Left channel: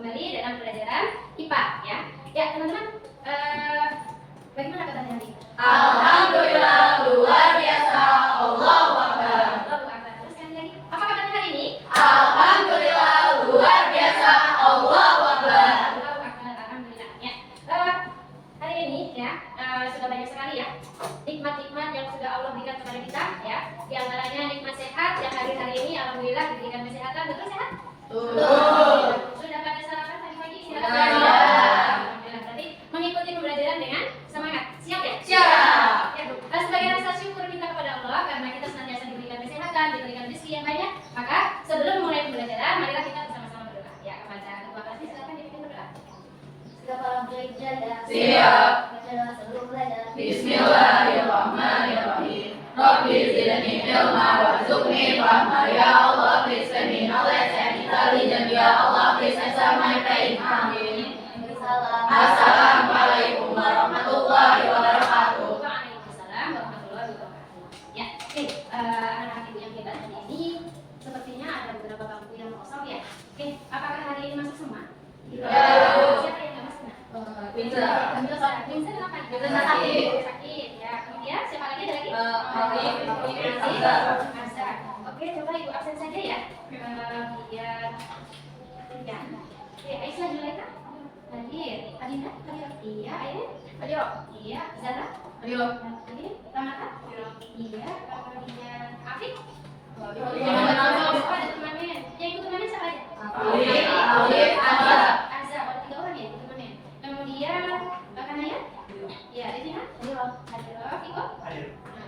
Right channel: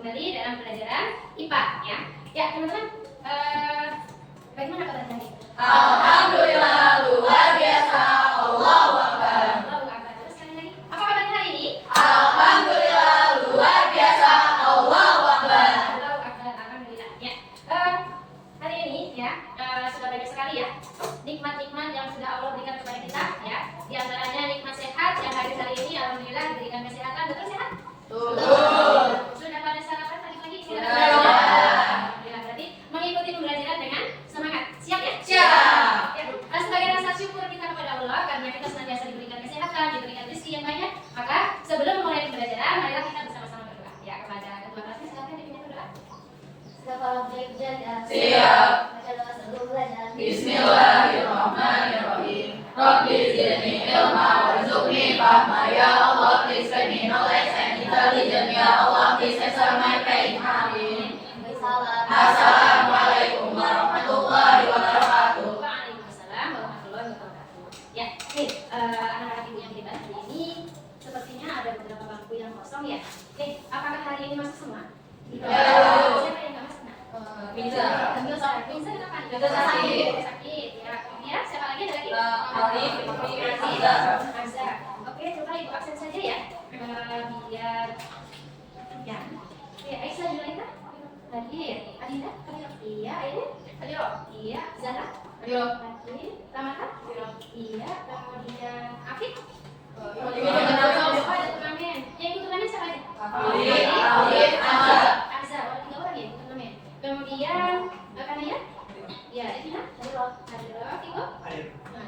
kembali dalam pelajaran IPA ya. Ya teman-teman, bagaimana kabar hari ini? Alhamdulillah luar biasa. Allahu Akbar. Allahu Akbar. Terus sekali lagi, apa kabarnya hari ini? Alhamdulillah luar biasa. Allahu Akbar. Allahu Akbar. Alhamdulillah ya. Hari ini ya sudah banyak sekali ya nikmat-nikmat yang sudah Allah berikan kepada kita ya. Di antaranya nikmat sehat yang hadir hari ini, alhamdulillah diberikan kesehatan. Betul sehat? Betul. Sudah pada sarapan tadi pagi? Sudah. Alhamdulillah. Berarti mengikuti pembelajaran dengan semangat. Siap ya? Siap. Ya. Sebagai rasa syukur kita kepada Allah karena kita senantiasa diberikan kesehatan, diberikan rezeki yang banyak, maka sebelum mulai pembelajaran, marilah kita bersama-sama berdoa. Ya, kepada ketua kelasnya silakan dipimpin berdoa. Siap. Bismillahirrahmanirrahim. Rabbi zidni ilma warzuqni fahma ya Allah, please let me knowledge and intelligence ya Allah, please answer my faith. Amin. Assalamualaikum warahmatullahi wabarakatuh. Waalaikumsalam warahmatullahi wabarakatuh. Ya, oke, anak-anak ibu yang hebat hari ini sepertinya ada beberapa bangku yang kosong ya. Oke, apakah hari ini masuk semua? Ya. Siapa yang nggak masuk? Pinter. Pinter kenapa? Pinter sakit. Sakit ya. Kemudian siapa lagi ada lagi? Alif, Azhar. Azhar. Oke, coba ibu absen saja ya. Biar ya. Oke, Aisyah Zulaika. Hadir. Adinda? Hadir. Iya, Aida? Hadir. Iya, Zara? Hadir. Hadir. Ramana? Iya, kemudian Afif? Ada turnamen. Yang ikut turnamen siapa aja? Alif, Azhar. Oh, 3 orang ya turnamen. Kemudian Kanaya? Iya, Devina? Hadir. Ibu?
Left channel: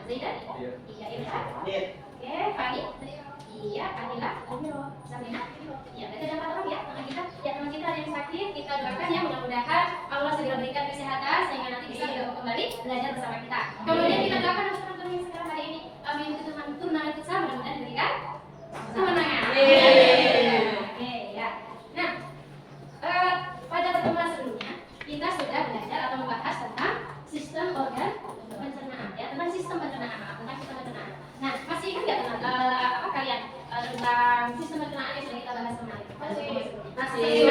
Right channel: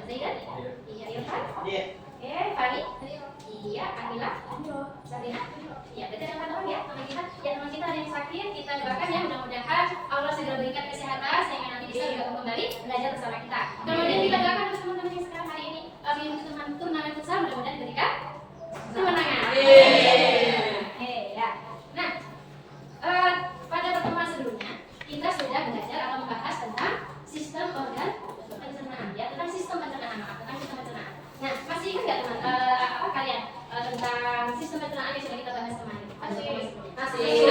Zaidan? Iya, Irfan? Oke, Fani? Iya, Kamila? Sabina? Iya, berarti ada 4 orang ya teman kita. Ya, teman kita ada yang sakit, kita doakan ya mudah-mudahan Allah segera berikan kesehatan sehingga nanti bisa bergabung kembali belajar bersama kita. Kemudian kita doakan untuk teman-teman yang sekarang hari ini mengikuti turnamen futsal, mudah-mudahan diberikan kemenangan. Oke, ya. Nah, pada pertemuan sebelumnya kita sudah belajar atau membahas tentang sistem organ pencernaan ya, tentang sistem pencernaan, tentang sistem pencernaan. Nah, masih ingat nggak teman apa kalian tentang sistem pencernaan yang sudah kita bahas kemarin? Masih.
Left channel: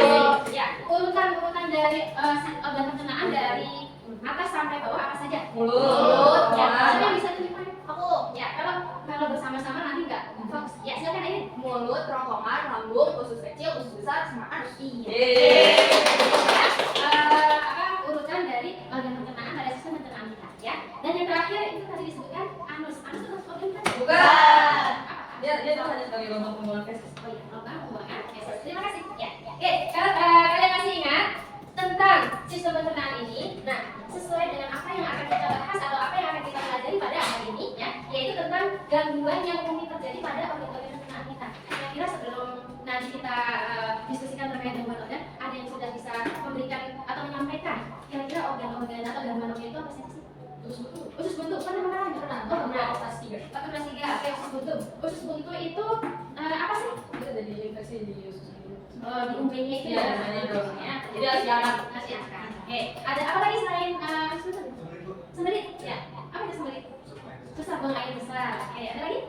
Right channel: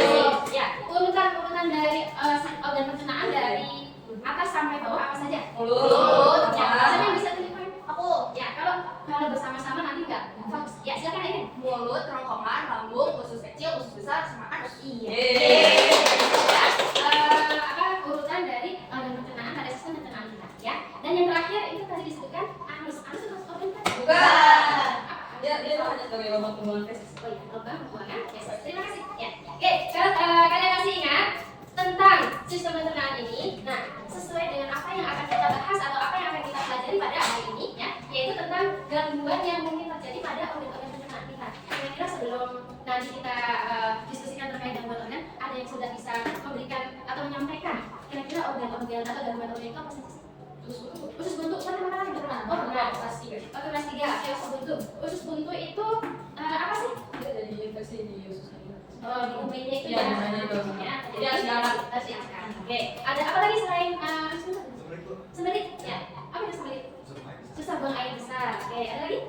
Ya, urutan dari organ pencernaan dari atas sampai bawah apa saja? Mulut. Ya, siapa yang bisa tunjukkan? Aku. Ya, kalau bersama-sama nanti nggak fokus. Ya, silakan ini. Mulut, kerongkongan, lambung, usus kecil, usus besar, sama anus. Iya. Urutan dari organ pencernaan pada sistem pencernaan kita, ya. Dan yang terakhir itu tadi disebutkan anus. Anus itu organ kan? Bukan. Apa? Dia hanya sebagai lubang pembuangan feses. Oh iya, lubang pembuangan feses. Terima kasih. Ya. Oke, kalau kalian masih ingat tentang sistem pencernaan ini, nah sesuai dengan apa yang akan kita bahas atau apa yang akan kita pelajari pada hari ini, ya, yaitu tentang gangguan yang mungkin terjadi pada organ-organ pencernaan kita. Kira-kira sebelum nanti kita diskusikan terkait gangguan organ, ada yang sudah bisa memberikan atau menyampaikan kira-kira organ-organ atau gangguan organ itu apa saja sih? Usus buntu, pernah dengar? Oh, pernah. Kelas 3. Kelas 3, oke, usus buntu. Usus buntu itu apa sih? Dia ada di infeksi di usus. Di UB-nya itu Iya, namanya itu. ya. Jadi harus diangkat. Harus diangkat. Oke, ada apa lagi selain usus buntu? Sembelit. Ya. Apa itu sembelit? Susah buang air besar. Oke, ada lagi?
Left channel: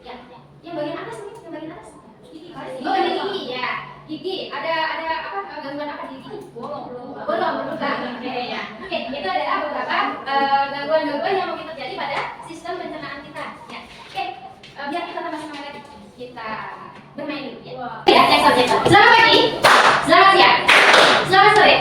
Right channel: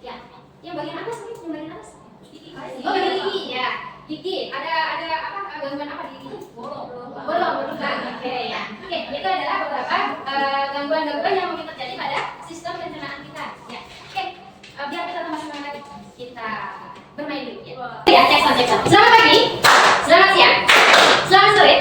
Ya. Yang bagian atas nih, yang bagian atas. Gigi. Oh, bagian gigi. Ya. Gigi. Ada apa gangguan apa di gigi? Bolong. Oke, ya. Oke, itu adalah beberapa gangguan-gangguan yang mungkin terjadi pada sistem pencernaan kita. Ya. Oke, biar kita tambah semangat lagi. Kita bermain dulu ya. Ya, cek sound. Selamat pagi. Selamat siang. Selamat sore.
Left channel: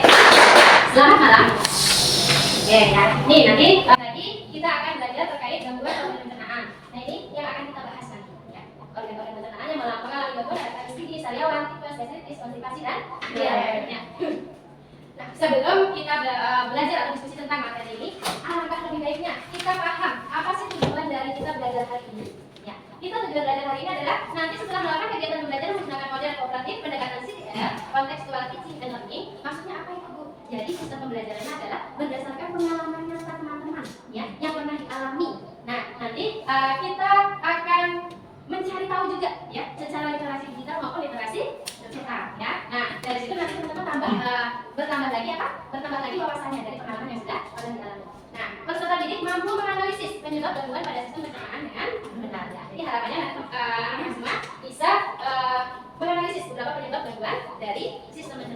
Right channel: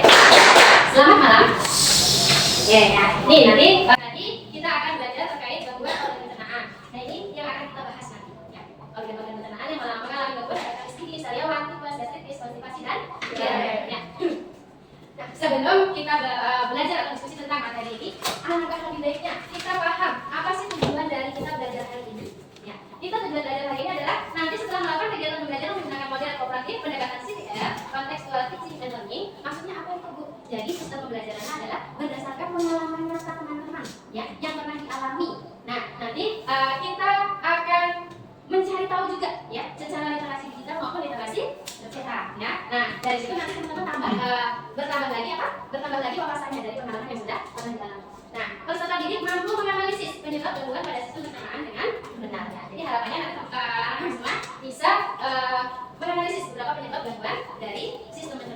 Selamat malam. Oke, ya. Nih nanti tadi kita akan belajar terkait gangguan organ pencernaan. Nah, ini yang akan kita bahas nanti. Ya. Organ-organ pencernaan yang mengalami gangguan pada kondisi sariawan, tipes, gastritis, konstipasi dan diare. Nah, sebelum kita belajar atau diskusi tentang materi ini, alangkah lebih baiknya kita paham apa sih tujuan dari kita belajar hari ini. Ya, kita tujuan belajar hari ini adalah nanti setelah melakukan kegiatan belajar menggunakan model kooperatif, pendekatan CDR, kontekstual teaching and learning, maksudnya apa itu, Bu? Jadi sistem pembelajarannya adalah berdasarkan pengalaman nyata teman-teman, ya, yang pernah dialami. Nah, nanti kita akan mencari tahu juga, ya, secara literasi digital maupun literasi cetak, ya. Nah, dari situ nanti teman-teman bertambah lagi wawasannya dari pengalaman yang sudah pernah dialami. Nah, peserta didik mampu menganalisis penyebab gangguan pada sistem pencernaan dengan benar. Ya. Jadi harapannya anak-anak semua bisa menganalisis beberapa penyebab gangguan dari sistem pencernaan.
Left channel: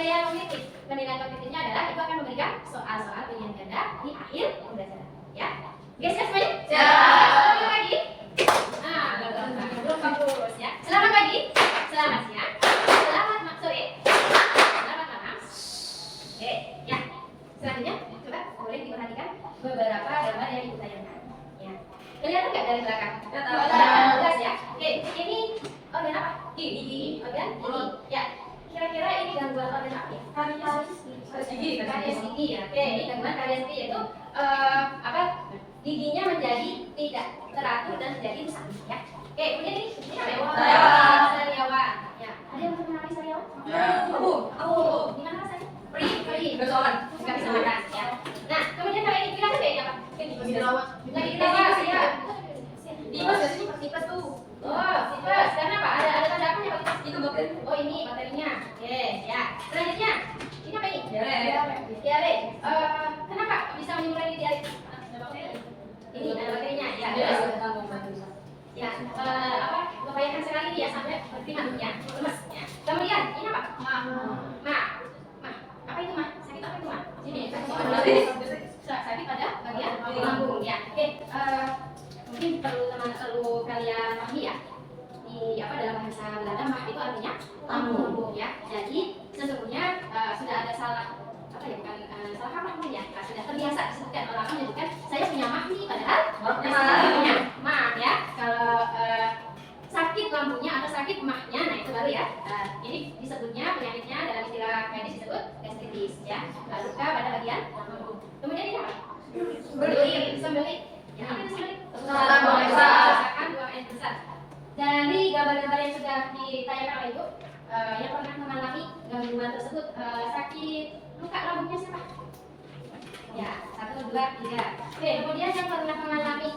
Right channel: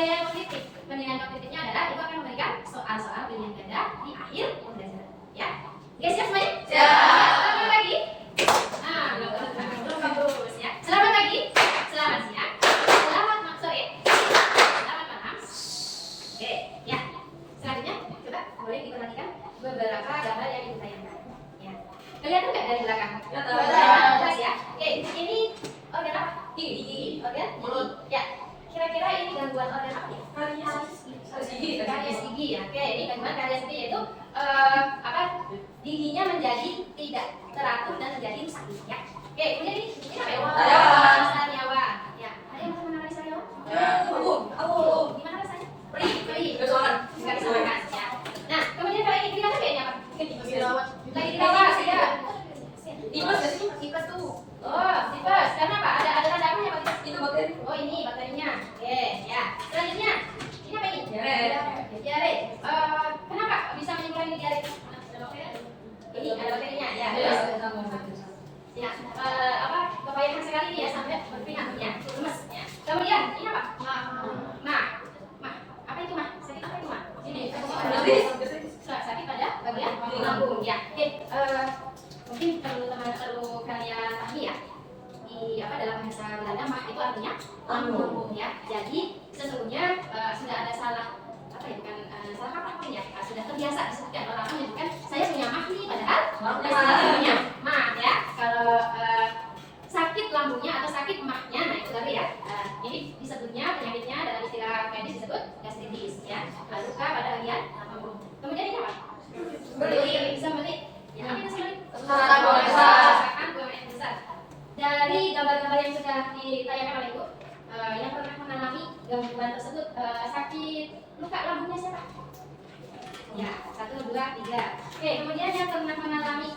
penilaian kognitif. Penilaian kognitifnya adalah itu akan memberikan soal-soal pilihan ganda di akhir pembelajaran. Ya, oke, siap semuanya? Siap. Selamat pagi. Belum bagus ya. Selamat pagi, selamat siang, selamat sore, selamat malam. Oke, ya. Selanjutnya, coba boleh diperhatikan beberapa gambar yang ibu tayangkan. Ya, kelihatan nggak dari belakang? Kelihatan. Jelas ya. Oke, ini organ apa? Gigi. Organ gigi. Ya. Kira-kira ini gangguan organ apa ya? Karies gigi ya. Oke, ini gangguan karies gigi yaitu apa? Giginya menjadi tidak teratur dan menjadi rusak ya. Oke, kemudian ini apa ya? Sariawan. Ya. Ada yang pernah mengalami sariawan? Gimana rasanya? Perih. Nggak bisa makan ya. Nah, kemudian kalau ini bilang ini apa? Lagi dirawat ya. Tipes tuh. Oh, tipes. Karena apa? Ada tanda apa ya, Pak? Itu bakteri. Oh, ini bakterinya. Oke, ya. Selanjutnya, ini apa ini? Diare. Diare. Kenapa bisa menimbulkan ini diare? Ini ada bakterinya ya. Ya, apa? Kebanyakan sekali ini ya sampai ringan ya, lemes ya. Kemudian ini apa? Mah. Apa itu mah? Sakit apa itu mah? Ini. Sakit pada bagian lambung ya. Oke, mungkin perlu kalian pahami ya. Di apa dalam bahasa Belanda mah itu artinya lambung ya. Jadi sesungguhnya sudah ada salah apa ya, bukan salah kaprah mungkin ya. Sudah terbiasa disebutkan orang menyebutkan saya punya mah nih, padahal punya mah ya. Kalau sakit lambungnya atau sakit mahnya, nah itu baru ya. Ini disebutnya penyakitnya dalam istilah medis disebut gastritis ya. Luka pada bagian lambung. Kemudian ini apa? Bisa beli. Ya, ini bisa beli. Misalkan buang air besar. Dari gambar-gambar yang sudah ditayangkan oleh Ibu, yang pernah mengalami gangguan tersebut, sakit luka lambungnya siapa? Ya, 1, 2, 3. Oke, kemudian yang pernah mengalami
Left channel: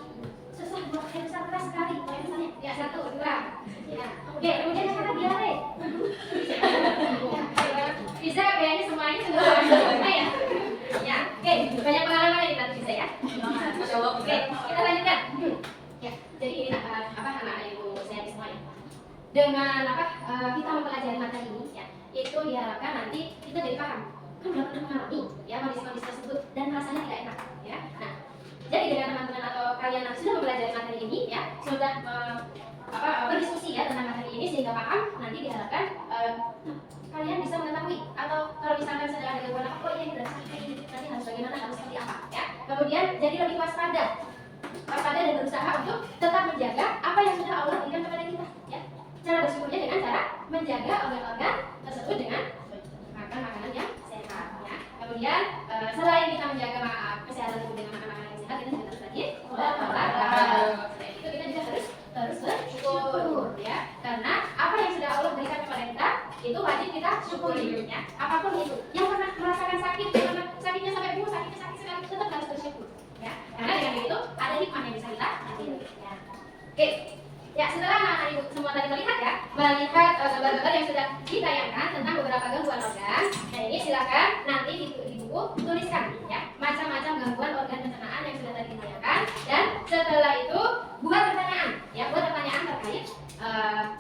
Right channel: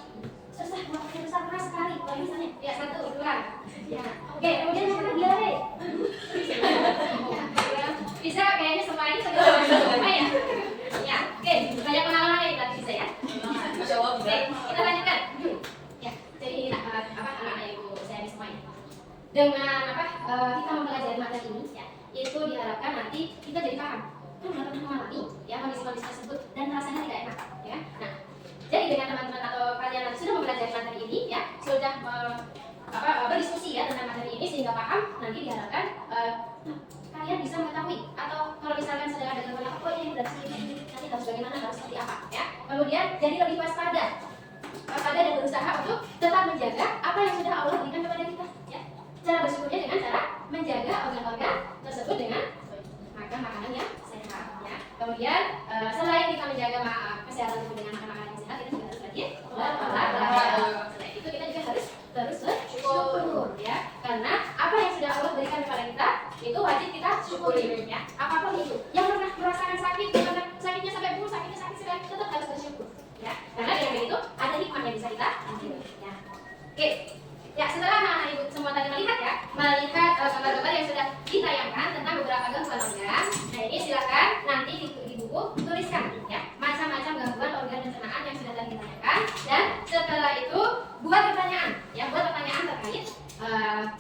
susah buang air besar keras sekali, misalnya, ya 1, 2. Ya, oke, kemudian yang pernah diare. Bisa kayaknya semua ini sudah sama ya. Ya, oke, banyak pengalaman dari tadi bisa ya. Oke, kita lanjutkan. Ya, jadi apa anak-anak Ibu saya di semuanya. Dengan apa kita mempelajari materi ini ya, itu diharapkan nanti kita jadi paham. Kan udah pernah mengalami ya kondisi-kondisi tersebut dan rasanya tidak enak ya. Nah, jadi dengan teman-teman atau kalian nanti sudah mempelajari materi ini ya, sudah berdiskusi ya tentang materi ini sehingga paham, nanti diharapkan kalian bisa mengetahui atau kalau misalkan sedang ada gangguan apa, ini udah sakit ini, nanti harus bagaimana, harus seperti apa ya. Kemudian jadi lebih waspada dan berusaha untuk tetap menjaga apa yang sudah Allah berikan kepada kita ya. Cara bersyukurnya dengan cara menjaga organ-organ tersebut dengan makan makanan yang sehat ya. Kemudian selain kita menjaga kesehatan tubuh dengan makan makanan yang sehat, kita juga harus rajin olahraga. Selain itu kita juga harus bersyukur ya, karena apa yang sudah Allah berikan kepada kita itu wajib kita syukuri ya. Apapun itu, yang pernah merasakan sakit, yang pernah sakitnya sampai pukul, sakit tetap harus bersyukur ya, karena dengan begitu ada hikmah yang bisa kita ambil ya. Oke ya, setelah anak-anak Ibu semua tadi melihat gambar-gambar yang sudah ditayangkan tentang beberapa gangguan organ, nah ini silakan nanti di buku tuliskan ya macam-macam gangguan organ pencernaan yang sudah tadi ditayangkan, dan setelah itu buat pertanyaan ya, buat pertanyaan terkait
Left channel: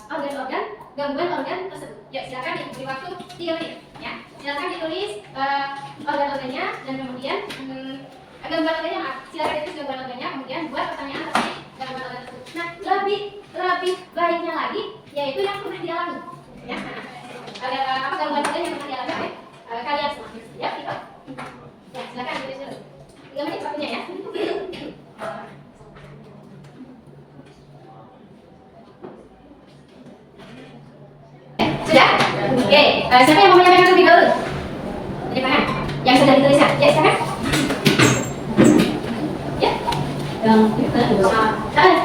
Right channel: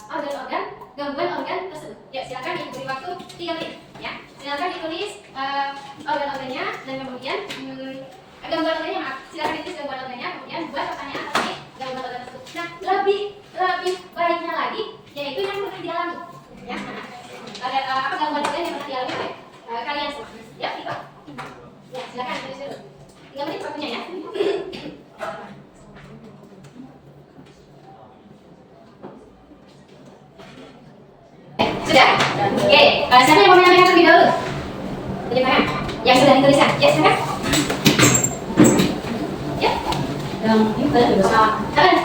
organ-organ gangguan organ tersebut. Ya, silakan diberi waktu 3 menit ya. Silakan ditulis organ-organnya dan kemudian gangguan organnya, silakan ditulis gangguan organnya, kemudian buat pertanyaan terkait gangguan organ tersebut. Nah, lebih baiknya lagi yaitu yang pernah dialami ya. Apa gangguan organ yang pernah dialami oleh kalian semua ya, gitu. Ya, silakan tulis dulu. 3 menit waktunya ya. Sudah? Oke, siapa yang mau menyampaikan terlebih dahulu? Pilih mana? Yang sudah dituliskan. Ya, silakan. Ya.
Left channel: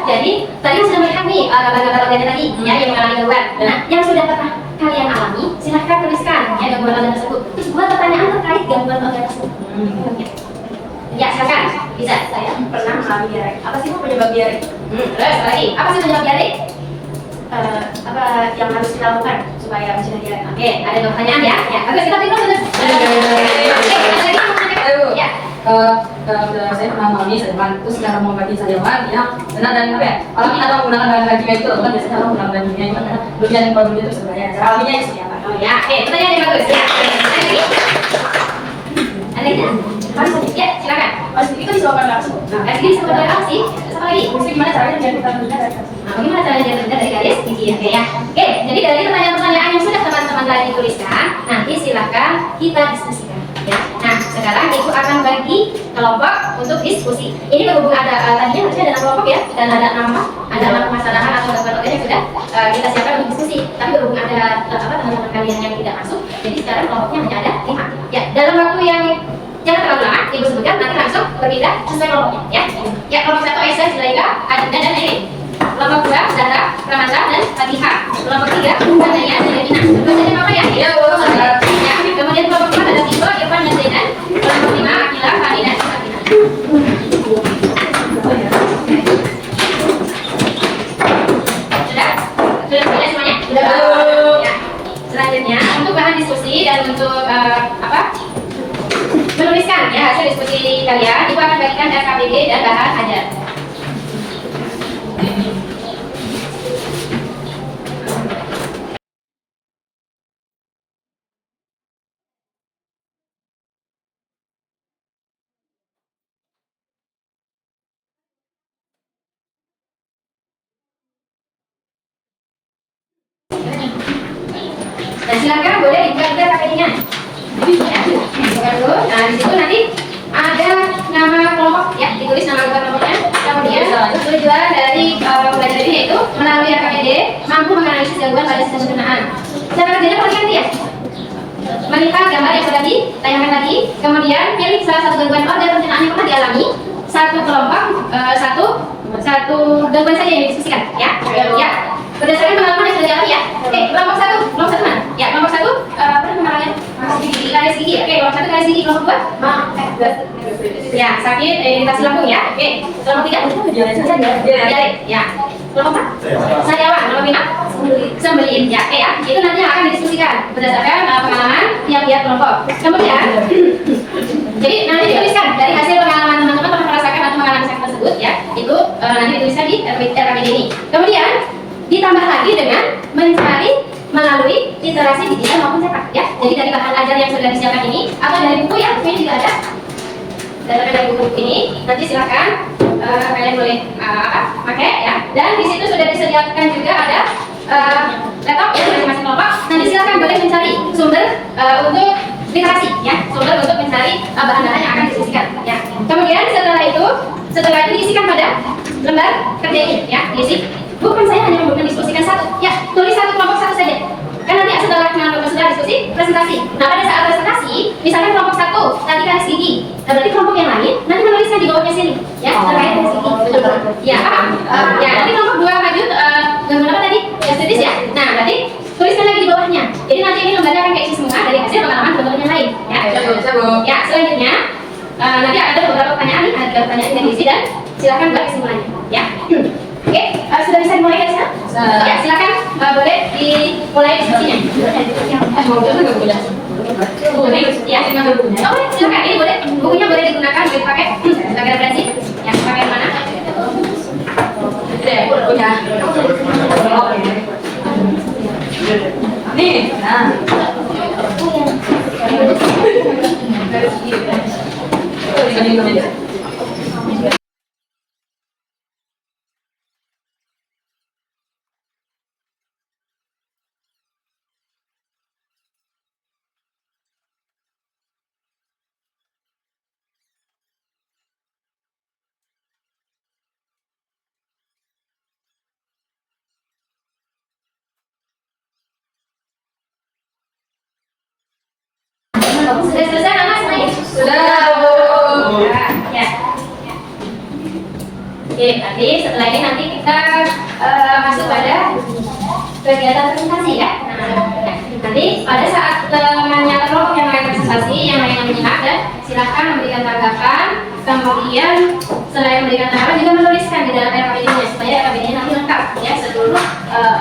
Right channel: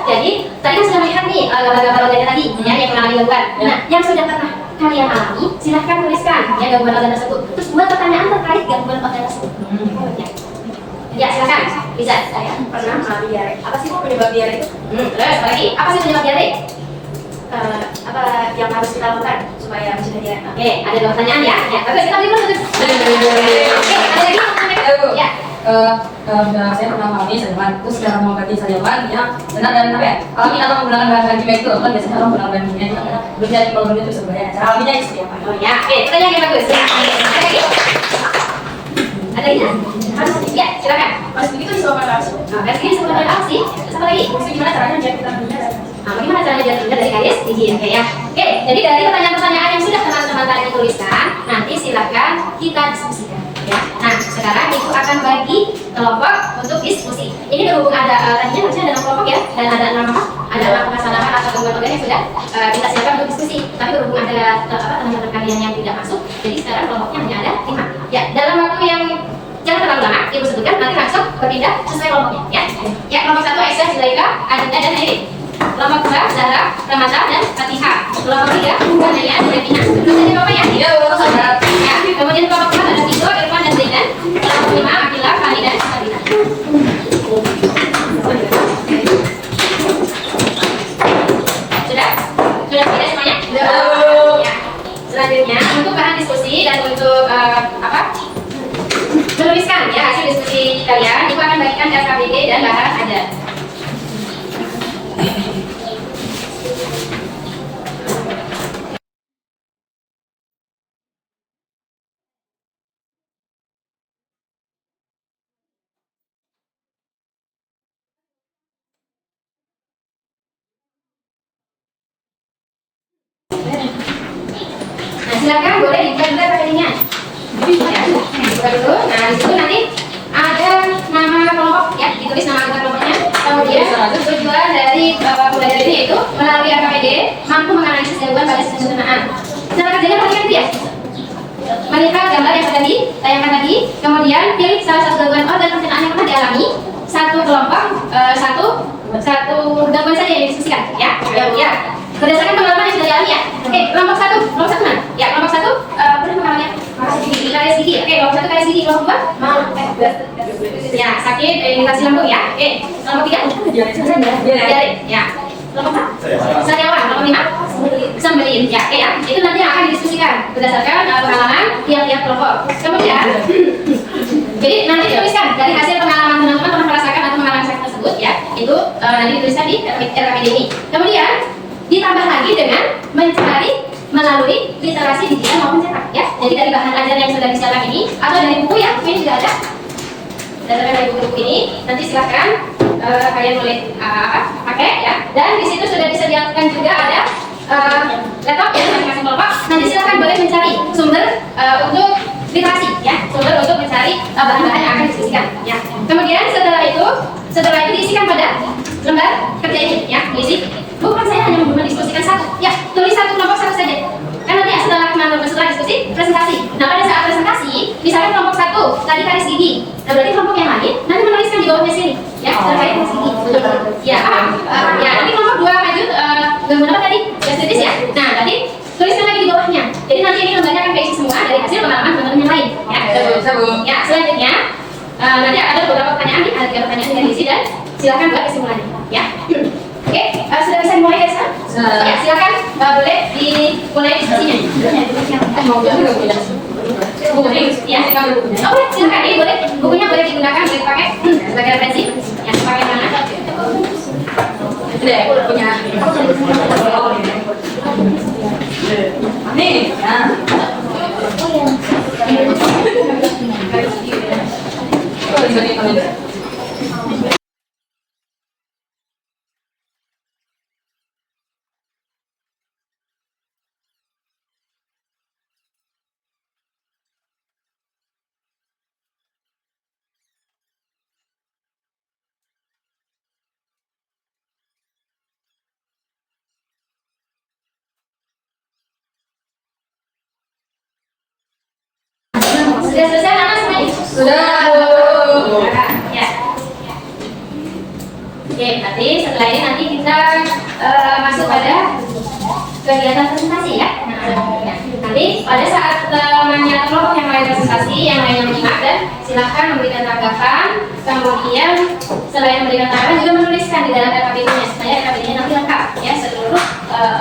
Jadi, tadi sudah melihat nih gambar-gambar organ tadi ya, yang mengalami gangguan. Nah, yang sudah pernah kalian alami, silahkan tuliskan ya gangguan organ tersebut. Terus buat pertanyaan terkait gangguan organ tersebut. Ya, silakan. Bisa. Saya pernah mengalami diare. Apa sih Bu penyebab diare itu? Terus lagi, apa sih penyebab diare? Apa yang harus kita lakukan supaya bisa diare? Oke, ada 2 pertanyaan ya. Ya, bagus, kita beri dulu. Oke, ada lagi mau tanya? Ya. Saudara saya pernah mengalami sariawan, terus cara mengobati sariawan yang benar dan apa ya, alami atau menggunakan bahan kimia itu kan biasanya orang menggunakan bahan kimia itu belum ada problem itu sebenarnya. Cara alaminya itu seperti apa? Oh ya, oke, pertanyaan yang bagus. Ya. lainnya? Harus ya, silakan. Harus itu disebabkan langsung. Nah, garis gigi disebabkan oleh apa sih? Apa lagi? Gimana caranya biar kita benar? Nah, bagaimana caranya biar benar dari garis gigi ya? Oke ya. Oke, jadi dari pertanyaan-pertanyaan yang sudah teman-teman tadi tuliskan, nanti silakan kita diskusikan. Ya. Nah, sekarang ibu akan bagi kelompok untuk diskusi. Ini berhubung ada tadinya harusnya ada 6 kelompok ya, dan ada 6 apa? Ada 6 permasalahan atau gangguan yang sudah kita siapkan untuk diskusi. Tapi berhubung ada teman-teman kalian yang tidak masuk, jadi sekarang kelompoknya hanya ada 5. Ya, dalam waktu yang jangan terlalu lama, ibu sebutkan nanti langsung berpindah sesuai kelompoknya. Ya, ya kelompok 1 Aisyah, Zulaika, Adinda dan Erin. Kelompok 2 Zara, Ramata dan Fatihah. Kelompok 3 Naya dan Devina. Terus ada apa ya? Ya, bagus ada. Ya, kemudian kelompok 4 ada Tito, Irfan dan Zaidan. Kelompok 5 Akila, Fani dan Sabrina. Sudah? Sudah tidak semuanya? Sudah. Ya. Selanjutnya untuk bahan diskusi dan untuk menuliskan ya hasil diskusi kalian, ibu akan bagikan RKBD dan bahan ajar. Nah, silakan boleh dibuka juga KBD-nya. Ya, buka dulu. Nah, di situ nanti ada nama kelompok ya, ditulis nama kita kelompoknya. Kemudian tujuan dari pembelajaran ini yaitu melalui RKBD mampu menganalisis gangguan pada sistem pencernaan. Cara kerjanya seperti ya. Melihat gambar yang sudah ditayangkan tadi, kemudian pilih salah satu gangguan organ pencernaan yang pernah dialami. Satu kelompok, satu gangguan saja yang didiskusikan ya. Ya. Berdasarkan pengalaman yang sudah dialami ya. Oke, kelompok satu mana? Ya, kelompok satu pernah mengalami garis gigi. Oke, kelompok satu garis gigi, kelompok dua ya sakit iritasi lambung ya. Oke, kelompok tiga diare ya. Kelompok empat sariawan. Kelompok lima sembelih ya. Oke ya, itu nanti akan didiskusikan berdasarkan pengalaman tiap-tiap kelompok. Kemudian jadi nanti dituliskan dari hasil pengalaman teman-teman pernah merasakan atau mengalami sakit tersebut ya. Itu nanti dituliskan di RKBD ini. Kemudian ditambah lagi dengan mencari melalui literasi digital maupun cetak ya. Jadi dari bahan ajar yang sudah disiapkan ini atau dari buku ya, buku ini juga ada. Dari buku ini nanti silahkan kalian boleh pakai ya. Dan di situ sudah disediakan juga ada laptop ya masing-masing kelompok. Nanti silahkan boleh mencari sumber untuk literasi ya, sumber untuk mencari bahan-bahan yang akan didiskusikan ya. Kemudian setelah itu diisikan pada lembar kerja ini ya, diisi. Bukan saya hanya mendiskusikan satu, ya tulis satu kelompok satu saja. Kan nanti setelah diskusi presentasi. Nah pada saat presentasi, misalnya kelompok satu tadi garis gigi, nah berarti kelompok yang lain nanti menuliskan di bawahnya sini, ya terkait garis gigi. Ya, ya nanti kelompok dua lanjut gangguan apa tadi? Gastritis ya. Nah tadi tuliskan lagi di bawahnya. Jadi nanti ini lembarnya akan keisi semua dari hasil pengalaman teman-teman yang lain. Ya, ya selanjutnya nanti ada beberapa pertanyaan nih, ada 3 pertanyaan yang diisi dan silakan buat kesimpulannya. Ya. Oke, sudah bisa dimulai guys ya? Ya, silakan boleh dimulai diskusinya. Bukunya, ya, boleh silakan. Ini boleh, bukunya boleh digunakan, boleh dipakai sebagai referensi. Ya, pakai yang mana? Deh, punya. Nih, nah. Oh, di sini teman. Sudah selesai mana semuanya? Sudah. Ya. Oke, berarti setelah ini nanti kita masuk pada kegiatan presentasi ya. Nah, ya. Nanti pada saat temannya kelompok yang lain presentasi, yang lain menyimak dan silakan memberikan tanggapan. Kemudian selain memberikan tanggapan juga menuliskan di dalam RKBD-nya supaya RKBD-nya nanti lengkap ya, seluruh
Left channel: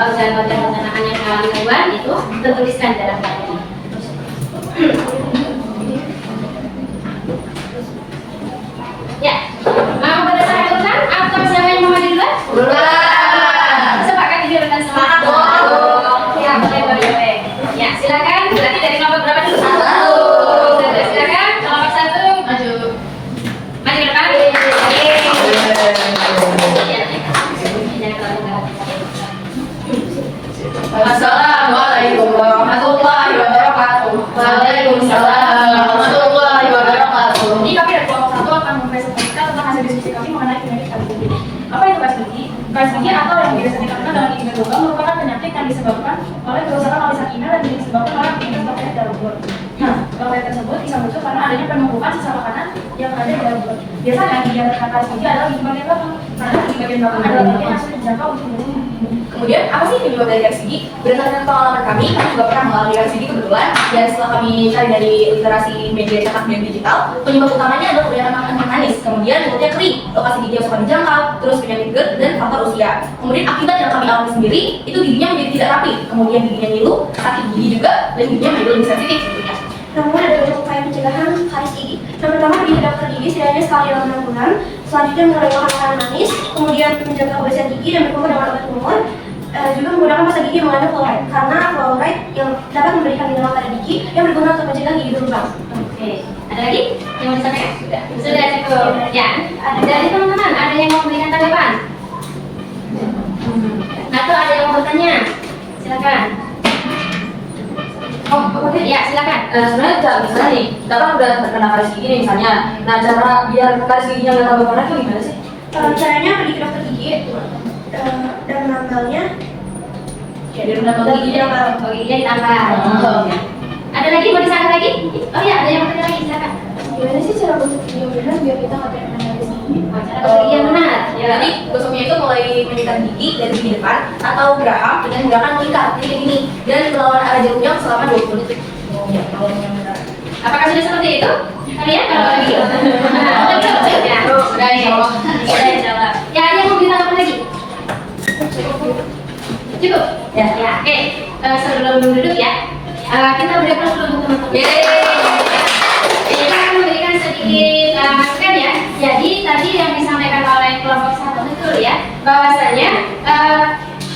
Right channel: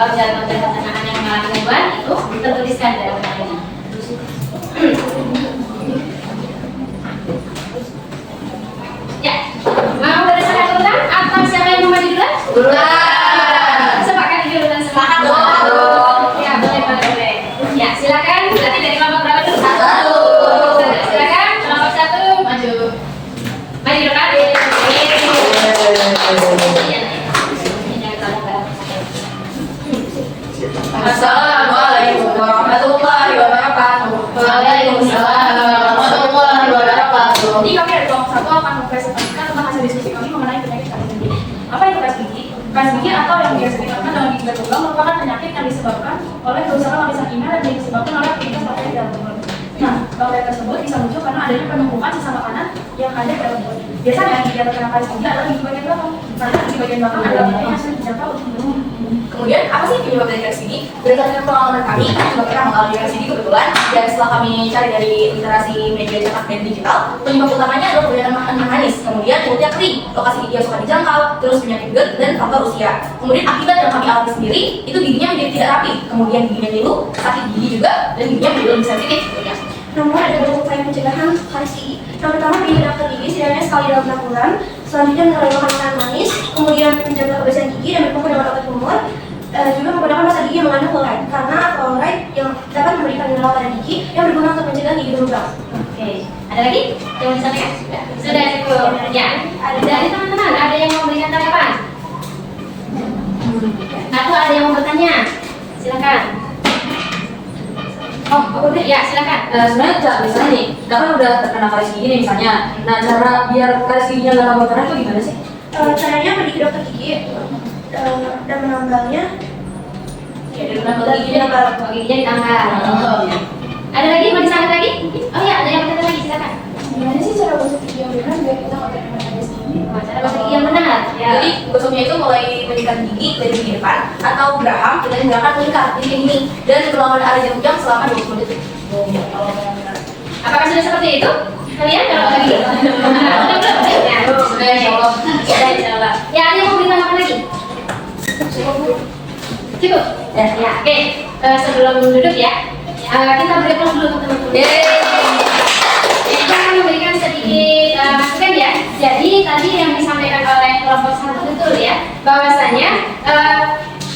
organ-organ pencernaan yang mengalami gangguan itu tertuliskan di dalam RKBD. Ya, mau berdasarkan urutan atau siapa yang mau maju duluan? Duluan. Sepakat ini urutan semangat. Ya, boleh. Ya, silakan. Berarti dari kelompok berapa dulu? 1. Silakan kelompok 1. lowongan tersebut bisa muncul karena adanya penumpukan sisa makanan yang ada di dalam mulut. Biasanya gejala karies gigi adalah di bagian belakang, karena di bagian belakang adalah bagian yang sulit dijangkau untuk minum. Kemudian apa sih penyebab dari karies gigi? Berdasarkan pengalaman kami juga pernah mengalami karies gigi kebetulan, dan setelah kami cari dari literasi media cetak dan digital, penyebab utamanya adalah kebanyakan makanan manis, kemudian mulutnya kering, lokasi gigi yang suka dijangkau, terus penyakit GERD dan faktor usia. Kemudian akibat yang kami alami sendiri, itu giginya menjadi tidak rapi, kemudian giginya ngilu, sakit gigi juga, dan giginya menjadi lebih sensitif tentunya. Namun ada beberapa upaya pencegahan karies gigi. Yang pertama pergi ke dokter gigi setidaknya sekali dalam 6 bulan. Selanjutnya mengurangi makanan manis, kemudian menjaga kebersihan gigi dan berfokus dengan obat kumur. Juga menggunakan pasta gigi yang mengandung fluoride, karena fluoride yang dapat memberikan mineral pada gigi yang berguna untuk mencegah gigi berlubang. Oke, ada lagi yang mau disampaikan? Sudah cukup. Ya, ada dari teman-teman ada yang mau memberikan tanggapan? Atau ada yang mau bertanya? Silakan. Oh, aku deh. Ya, silakan. Sebenarnya misalnya nih, kita kan udah terkena karies gigi nih misalnya. Nah, cara biar karies giginya nggak tambah parah itu gimana sih? Caranya pergi ke dokter gigi dan menambangnya. Ya, dari menambang giginya Giginya ditambah. Oh. Ada lagi mau disangkat lagi? Oh ya, ada yang mau bertanya lagi, silakan. Gimana sih cara gosok gigi yang benar biar kita nggak terkena karies gigi? Cara gosok gigi yang benar. Ya. Jadi gosoknya itu mulai mengikat gigi dari gigi depan atau geraham dengan gerakan mengikat gini dan melawan arah jarum jam selama 20 detik. Apakah sudah seperti itu? Kalian kalau lagi? Sudah belum? Ya, sudah ya Allah. Insya Allah. Ya, ada yang mau beri tanggapan lagi? Cukup? Ya, ya. Oke. Sebelum duduk ya, kita beri aplaus dulu untuk teman-teman. Kita akan memberikan sedikit masukan ya. Jadi tadi yang disampaikan oleh kelompok 1 betul ya, bahwasanya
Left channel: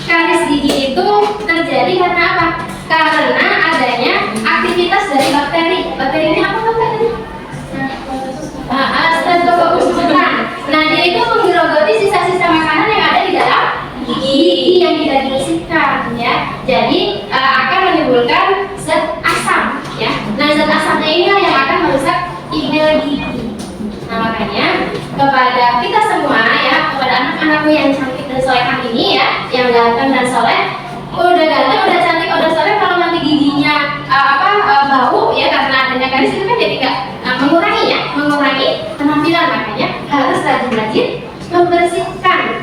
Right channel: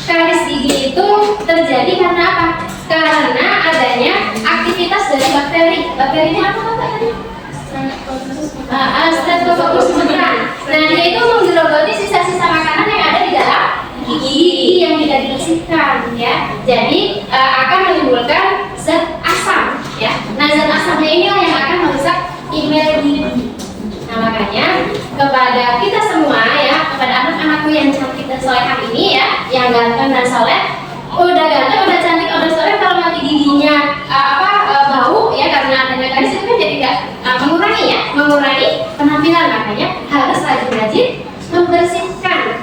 karies gigi itu terjadi karena apa? Karena adanya aktivitas dari bakteri. Bakterinya apa namanya? Staphylococcus aureus. Nah, dia itu menggerogoti sisa-sisa makanan yang ada di dalam gigi yang tidak dibersihkan ya. Jadi akan menimbulkan zat asam ya. Nah, zat asamnya inilah yang akan merusak email gigi. Nah, makanya kepada kita semua ya, kepada anak-anakku yang cantik dan solehah ini ya, yang ganteng dan soleh, udah ganteng, udah cantik, udah soleh, kalau nanti giginya bau ya karena adanya karies itu kan jadi nggak mengurangi penampilan. Makanya harus rajin-rajin membersihkan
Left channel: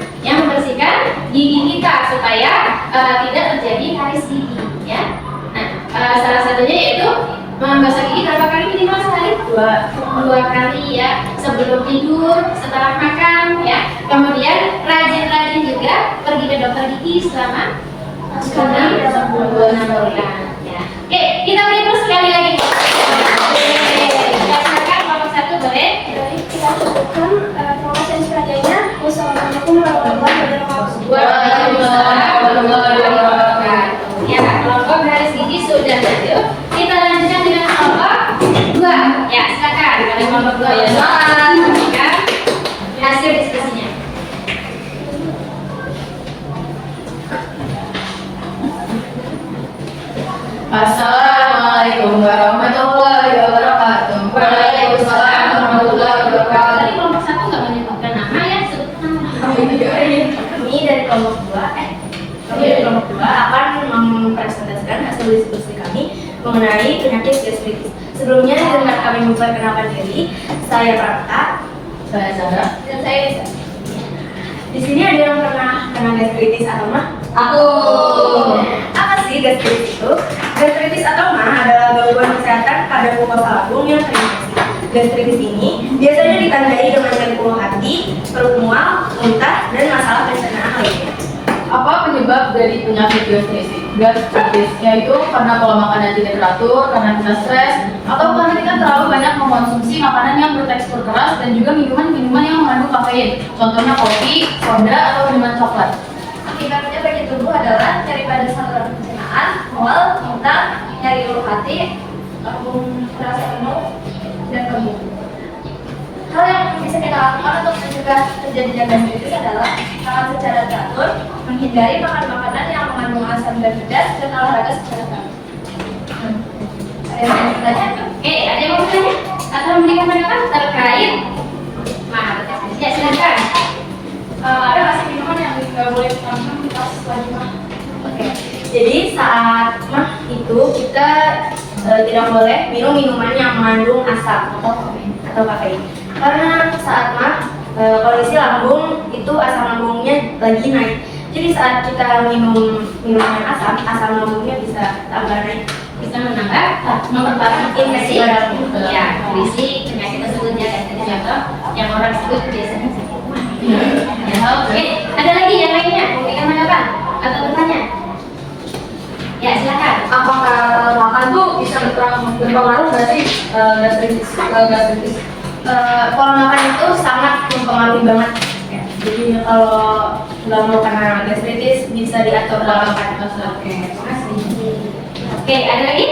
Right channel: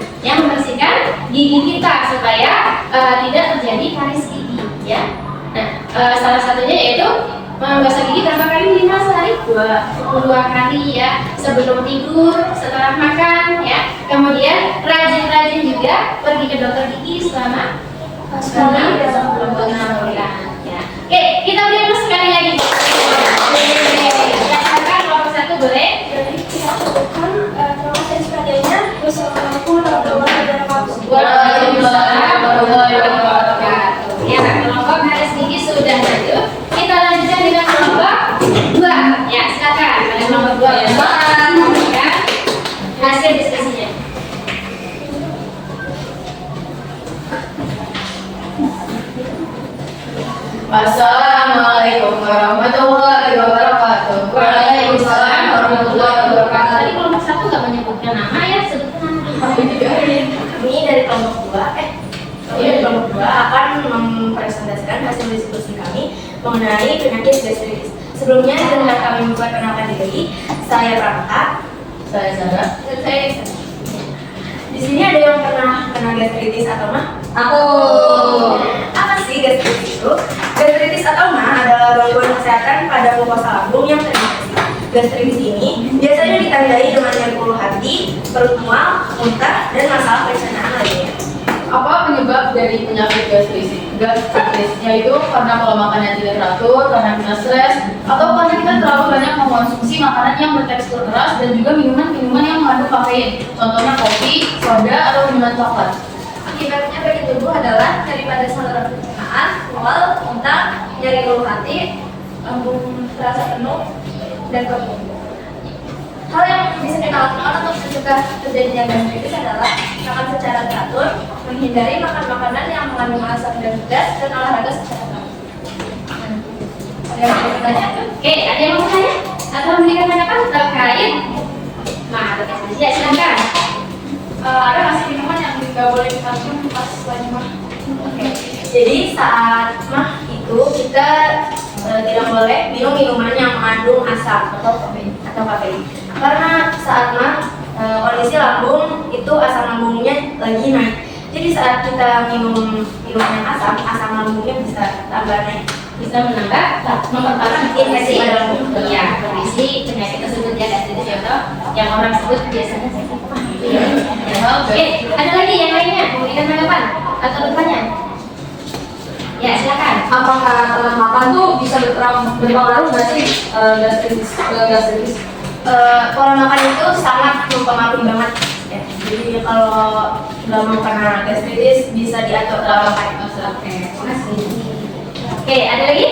gigi kita supaya tidak terjadi karies gigi ya. Nah, salah satunya yaitu membasuh gigi berapa kali minimal sehari? Dua kali ya, sebelum tidur, setelah makan ya. Kemudian rajin-rajin juga pergi ke dokter gigi selama sekali dalam 6 bulan ya. Oke, kita beri plus sekali lagi. Yang makan kelompok 1 boleh. Jadi kita cukupkan. Terima kasih atas perhatiannya. Wassalamualaikum warahmatullahi wabarakatuh. Waalaikumsalam warahmatullahi wabarakatuh. Ya, kelompok garis gigi sudah lanjut. Kita lanjutkan dengan kelompok 2. Ya, silakan. Pada kelompok 2 ya. Hasil diskusinya. Assalamualaikum warahmatullahi wabarakatuh. Waalaikumsalam warahmatullahi wabarakatuh. Tadi kelompok 1 nggak menyebutkan nama ya, sebutkan nama. Ini dari kelompok 2 dari kelompok 2 akan mempresentasikan hasil diskusi kami mengenai penyakit gastritis. Sebelumnya dengan kami memperkenalkan diri, saya Raka, saya Zara, dan saya Nisa. Di sini ada yang pernah kena gastritis atau mah? Aku. Apa sih gastritis itu? Gastritis atau mah adalah gangguan kesehatan pada mukosa lambung yang terinfeksi. Gastritis ini biasanya ditandai dengan nyeri ulu hati, perut mual, muntah, dan masalah pencernaan lainnya. Apa penyebab dari penyakit gastritis? Gastritisnya itu karena pola makan yang tidak teratur, karena kita stres, atau karena kita terlalu banyak mengkonsumsi makanan yang bertekstur keras dan juga minuman-minuman yang mengandung kafein. Contohnya kopi, soda, atau minuman coklat. Akibatnya penyakit tubuh adalah daripada saluran pencernaan, mual, muntah, nyeri ulu hati, lambung terasa penuh, dan kembung. Hal yang bisa kita lakukan untuk mencegah terjadinya gastritis adalah makan secara teratur, menghindari makan makanan yang mengandung asam dan pedas, dan olahraga secara teratur. Ada yang mau bertanya? Oke, ada yang mau bertanya? Atau memberikan tanggapan terkait gastritis? Ya, silakan. Ada nggak sih minuman yang nggak boleh kita minum pas lagi makan? Oke. Jadi saat mah itu kita tidak boleh minum minuman yang asam atau kafein. Karena saat kondisi lambung itu asam lambungnya lagi naik. Jadi saat kita minum yang asam lambungnya bisa tambah naik. Bisa memperparah kondisi ya, kondisi penyakit tersebut ya, gastritis atau yang orang sebut biasanya sakit mah. Oke, ada lagi yang lainnya memberikan tanggapan atau bertanya? Ya silakan. Apakah makan tuh bisa berpengaruh nggak sih gastritis? Kalau makan itu sangat mempengaruhi banget. Ya, jadi kalau nggak mau karena gastritis bisa diatur dalam makan. Oke, terima kasih. Oke, ada lagi?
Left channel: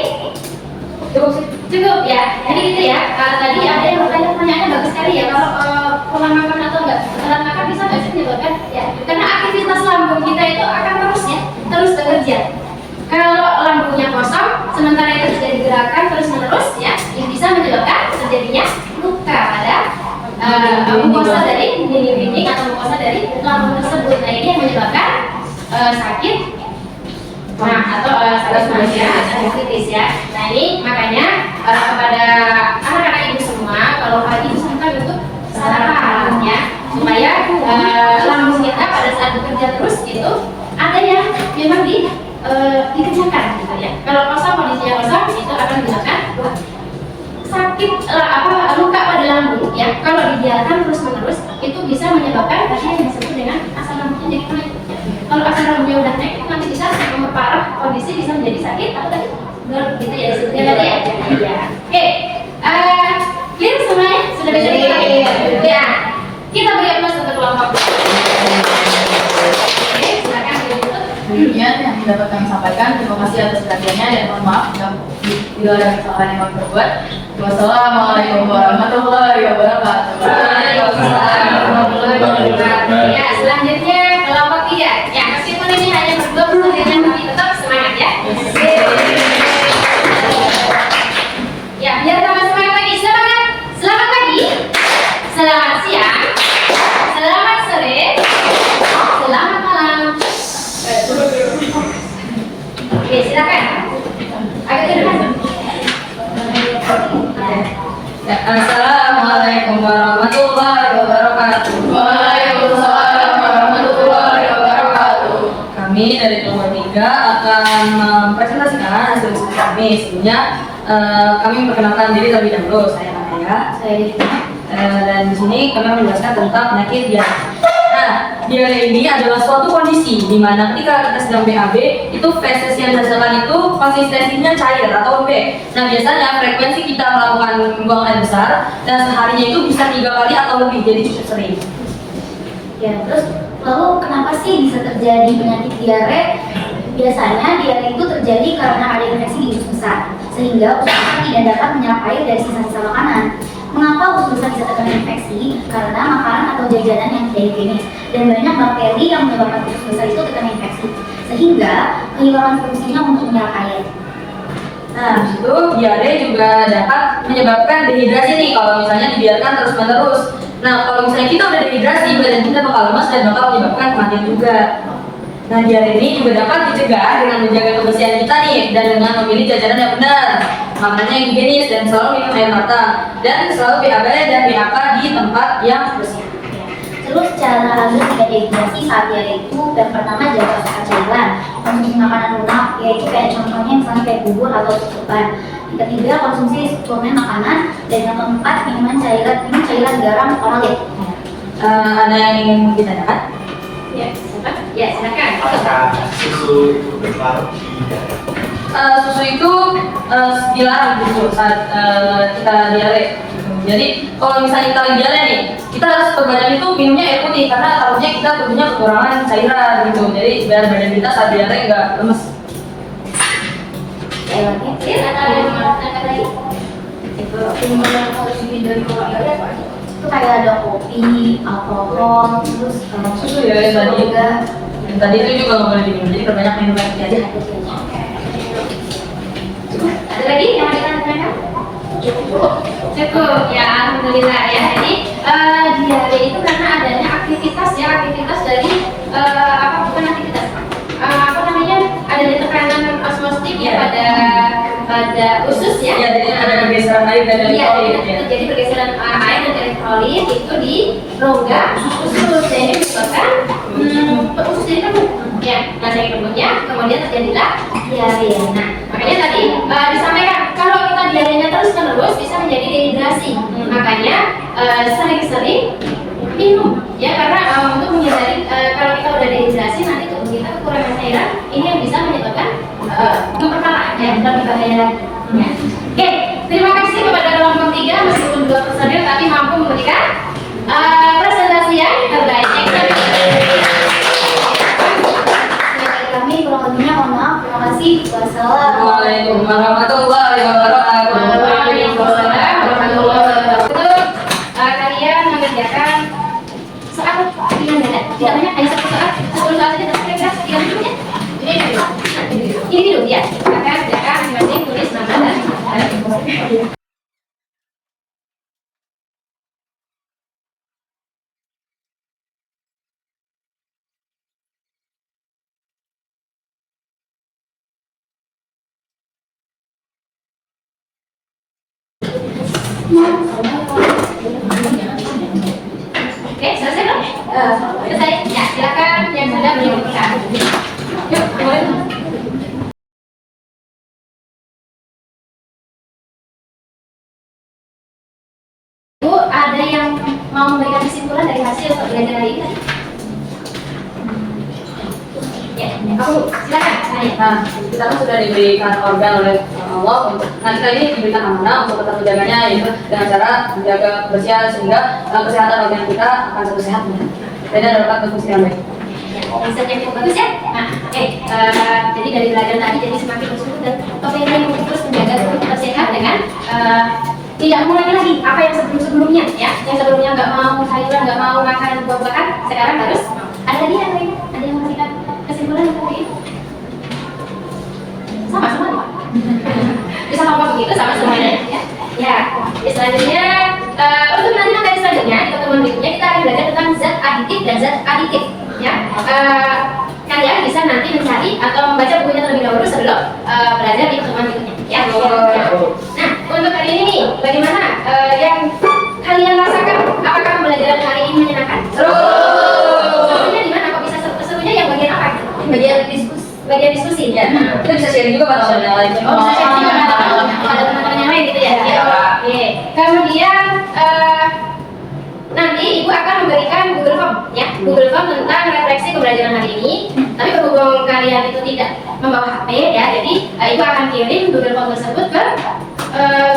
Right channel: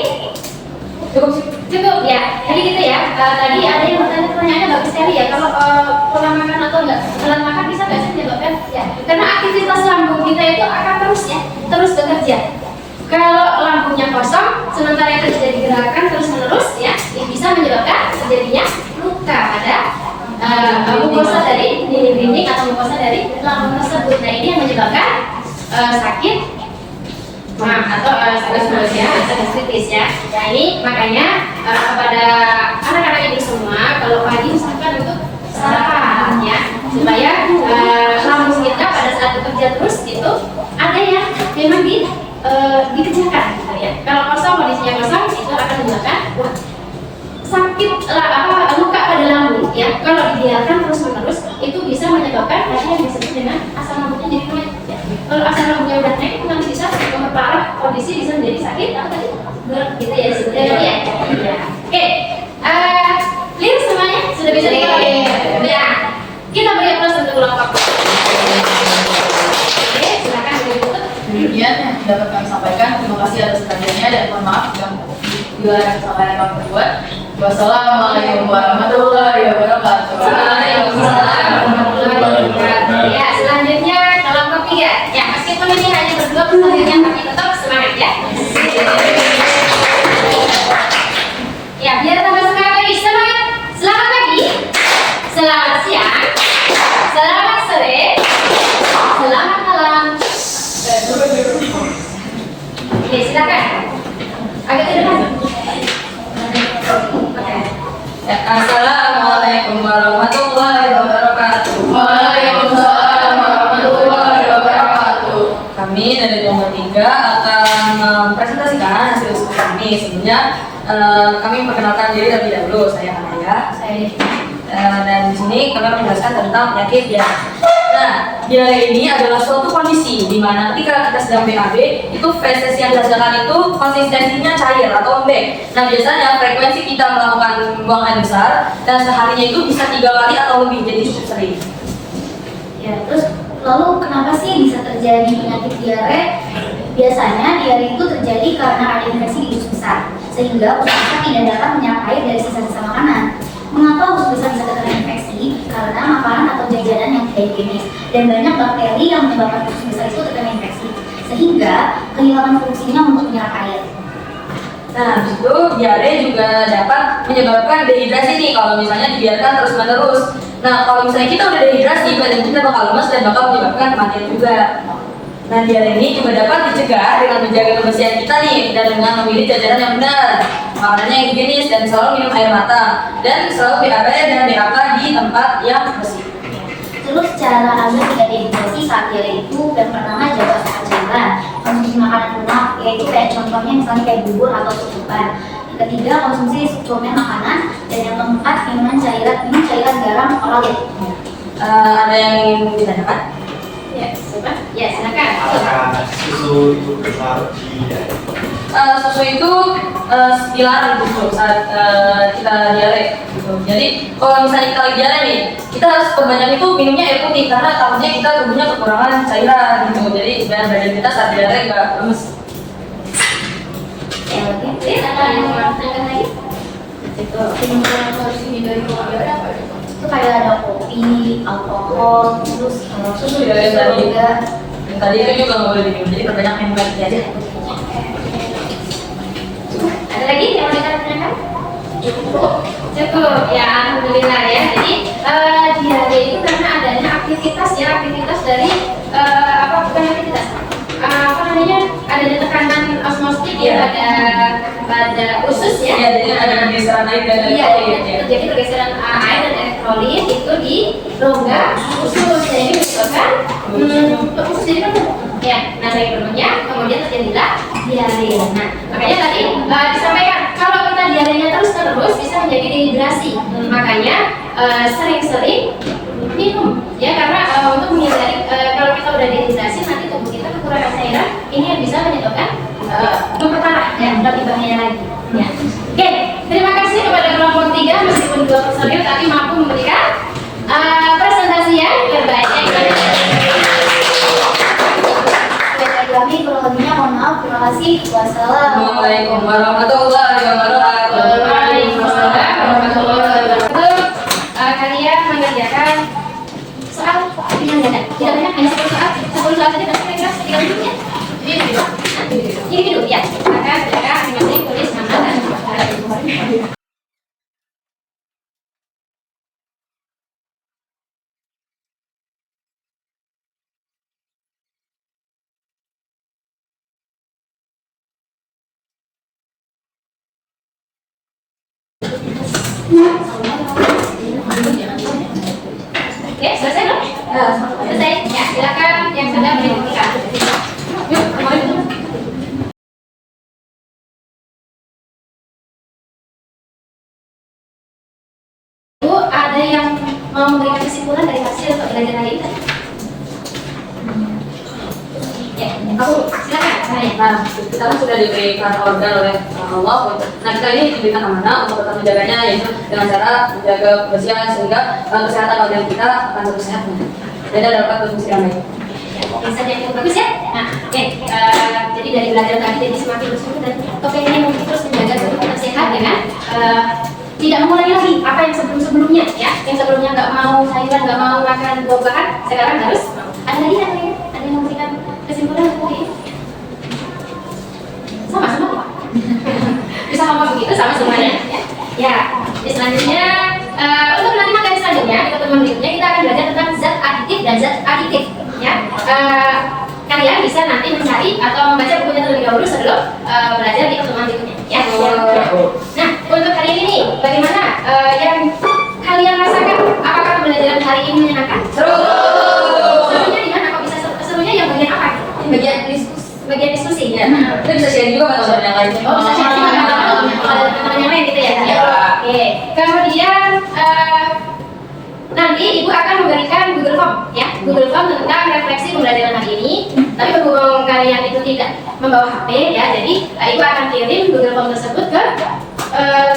Cukup ya. Jadi gitu ya. Tadi ada yang bertanya pertanyaannya bagus sekali ya. Kalau pola makan atau enggak telat makan bisa nggak sih menyebabkan? Ya, karena aktivitas lambung kita itu akan terus bekerja. Kalau lambungnya kosong, sementara yang terjadi gerakan terus menerus ya, ini bisa menyebabkan terjadinya luka pada mukosa dari dinding atau mukosa dari lambung tersebut. Nah ini yang menyebabkan sakit atau gastritis ya, atau gastritis ya. Nah ini makanya kepada anak-anak ibu semua, kalau pagi usahakan untuk sarapan ya, supaya lambung kita pada saat bekerja terus itu ada yang memang dikerjakan gitu ya. Kalau kosong, kondisinya kosong itu akan menyebabkan sakit luka pada lambung ya. Kalau dibiarkan terus menerus itu bisa menyebabkan tadi yang disebut dengan asam lambungnya jadi naik ya. Kalau asam lambungnya udah naik itu nanti bisa memperparah kondisi, bisa menjadi sakit apa tadi gitu ya sebenarnya ya. Oke, clear semuanya sudah bisa dipakai. Nah kita beri aplaus untuk kelompok. Oke, silakan ditutup. Demikian yang dapat kami sampaikan. Terima kasih atas perhatiannya dan mohon maaf yang bila ada kesalahan yang kami perbuat. Wassalamualaikum warahmatullahi wabarakatuh. Waalaikumsalam warahmatullahi wabarakatuh. Ya, selanjutnya kelompok 3. Ya, meskipun ini hanya berdua pertandingan tapi tetap semangat ya. Ya, biar tambah semangat lagi. Semangat. Selamat pagi. Selamat siang. Selamat sore. Selamat malam. Oke, silakan. Agak ke depan. Ya, Assalamualaikum warahmatullahi wabarakatuh. Waalaikumsalam warahmatullahi wabarakatuh. Kami dari kelompok 3 akan mempresentasikan hasil studi kami. Sebelumnya kami memperkenalkan diri terlebih dahulu. Saya Anaya. Saya Devina. Dan di sini kami akan menjelaskan tentang penyakit diare. Nah, diare ini adalah suatu kondisi di mana ketika kita sedang BAB, itu feses yang dihasilkan itu konsistensinya cair atau lembek. Nah, biasanya frekuensi kita melakukan buang air besar dan seharinya itu bisa 3 kali atau lebih, jadi cukup sering. Ya, terus lalu kenapa sih bisa terjadi penyakit diare? Biasanya diare itu terjadi karena ada infeksi di usus besar, sehingga usus besar tidak dapat menyerap air dari sisa-sisa makanan. Mengapa usus besar bisa terkena infeksi? Karena makanan atau jajanan yang tidak higienis dan banyak bakteri yang menyebabkan usus besar itu terkena infeksi, sehingga kehilangan fungsinya untuk menyerap air. Nah, itu diare juga dapat menyebabkan dehidrasi nih kalau misalnya dibiarkan terus-menerus. Nah, kalau misalnya kita udah dehidrasi, badan kita bakal lemas dan bakal menyebabkan kematian juga. Dan diare ini juga dapat dicegah dengan menjaga kebersihan kita nih dan dengan memilih jajanan yang benar, makanannya yang higienis dan selalu minum air matang dan selalu BAB dan BAK di tempat yang bersih. Terus cara agar tidak dehidrasi saat diare itu, yang pertama jaga asupan cairan, konsumsi makanan lunak, yaitu kayak contohnya misalnya kayak bubur atau susupan. Yang ketiga konsumsi suplemen makanan, dan yang keempat minum cairan garam oral ya. Ada yang ingin ditanyakan? Ya, ya silakan. Apakah susu itu berpengaruh di diare? Susu itu dilarang justru saat kita diare gitu. Jadi kalau misalnya kita lagi diare nih, kita harus perbanyak itu minumnya air putih karena takutnya kita tubuhnya kekurangan cairan gitu. Jadi biar badan kita saat diare nggak lemes. Ya, oke. Ada lagi? Itu Yang harus dihindari kalau diare apa aja? itu kayak ada kopi, alkohol, terus Susu diare tadi. juga. Dan tadi itu juga nggak boleh diminum. Jadi perbanyak minum air putih aja. Ada lagi yang mau ditanyakan? Cukup ya, alhamdulillah ya. Jadi diare itu karena adanya aktivitas dari bukan aktivitas, adanya tekanan osmotik ya pada pada usus ya. Ya, jadi ada pergeseran air dan Iya, elektrolit ya. terjadi pergeseran air dan elektrolit itu di rongga usus. Nah, ini menyebabkan usus jadi penuh. Ya, nah dari penuhnya kemudian terjadilah diare. Nah, makanya tadi disampaikan kalau kita diarenya terus-menerus bisa menjadi dehidrasi. Makanya sering-sering minum ya, karena untuk menghindari kalau kita udah dehidrasi nanti tubuh kita kekurangan cairan, ini yang bisa menyebabkan memperparah ya, lebih bahaya lagi ya. Oke, terima kasih kepada kelompok 3 meskipun 2 personil tapi mampu memberikan presentasi yang terbaik. Dari kami kurang lebihnya mohon maaf. Terima kasih. Wassalamualaikum. Waalaikumsalam warahmatullahi wabarakatuh. Waalaikumsalam warahmatullahi wabarakatuh. Kalian mengerjakan soal yang tidak banyak, hanya 10 soal, 10 soal saja kira-kira 3 menit ya. Ini dulu ya. Silakan masing-masing tulis nama dan Oke, selesai belum? Selesai? Ya, silakan yang sudah menyebutkan. Yuk, mulai. Bu, ada yang mau memberikan kesimpulan dari hasil pembelajaran hari ini tadi? Ya, aku silakan. Nah, kita kan sudah diberikan organ oleh Allah untuk, nah kita ini diberikan amanah untuk tetap menjaganya, yaitu dengan cara menjaga kebersihan sehingga kesehatan organ kita akan terus sehat dan dapat berfungsi yang baik. Misalnya yang cukup bagus ya. Nah, oke, jadi dari belajar tadi jadi semakin bersyukur dan topik ini mungkin terus menjaga tubuh tetap sehat dengan tidak mengulangi lagi apa yang sebelumnya ya. Yang sebelumnya nggak mau sayuran, nggak mau makan buah-buahan, sekarang harus ada lagi yang lain. Ada yang memberikan kesimpulan seperti ini. Sama-sama ya. Bisa apa begitu sama semuanya ya. Ya, selanjutnya untuk nanti materi selanjutnya di pertemuan berikutnya kita akan belajar tentang zat aditif dan zat aditif ya. Kalian bisa nanti mencari atau membaca bukunya terlebih dahulu sebelum belajar di pertemuan berikutnya ya. Nah, untuk hari ini nih, bagaimana yang kalian rasakan? Apakah pembelajaran hari ini menyenangkan? Serunya di mana? Kok bisa serunya yang bagian apa? Bagian diskusi ya. Kita bisa share juga Pak sama yang lain. Oh, bisa share juga ada teman-teman yang lain gitu ya. Oke. Kemudian nanti Ibu akan memberikan Google Form ya. Google Form tentang refleksi pembelajaran hari ini. Tapi berhubung kalian itu tidak membawa HP ya, jadi Ibu akan kirim Google Form tersebut ke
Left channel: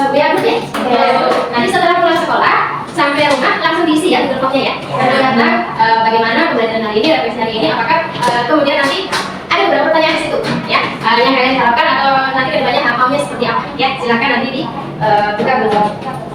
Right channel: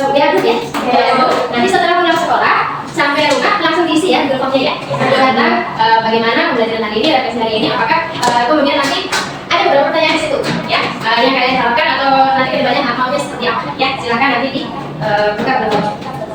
WA Group ya. Nanti setelah pulang sekolah sampai rumah langsung diisi ya Google Formnya ya. Tentang bagaimana pembelajaran hari ini, refleksi hari ini, apakah kemudian nanti ada beberapa pertanyaan di situ ya, yang kalian harapkan atau nanti kedepannya hafalnya seperti apa ya, silakan nanti di buka dulu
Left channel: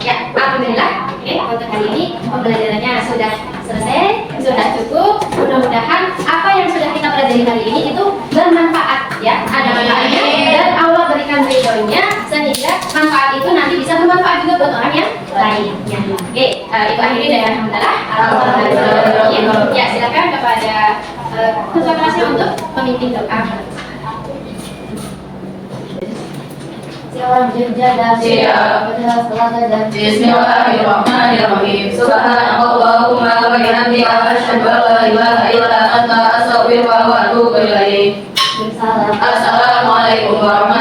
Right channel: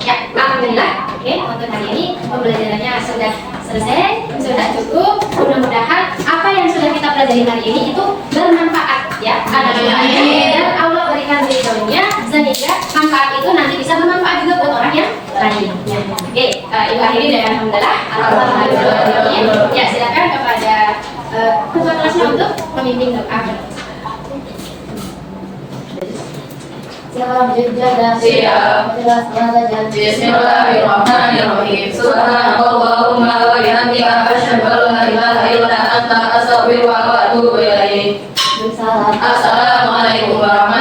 ya. Alhamdulillah, oke, untuk hari ini pembelajarannya sudah selesai, sudah cukup. Mudah-mudahan apa yang sudah kita pelajari hari ini itu bermanfaat ya, ada manfaatnya dan Allah berikan ridhonya sehingga manfaat itu nanti bisa bermanfaat juga buat orang yang lain ya. Oke, Ibu akhiri dengan alhamdulillah. Ya, silakan kepada ketua kelasnya untuk memimpin doa. Silakan berjadah. Siap. Bismillahirrahmanirrahim. Subhanallahumma wa bihamdika asyhadu an la ilaha illa anta astaghfiruka wa atubu ilaik. Salam. Assalamualaikum warahmatullahi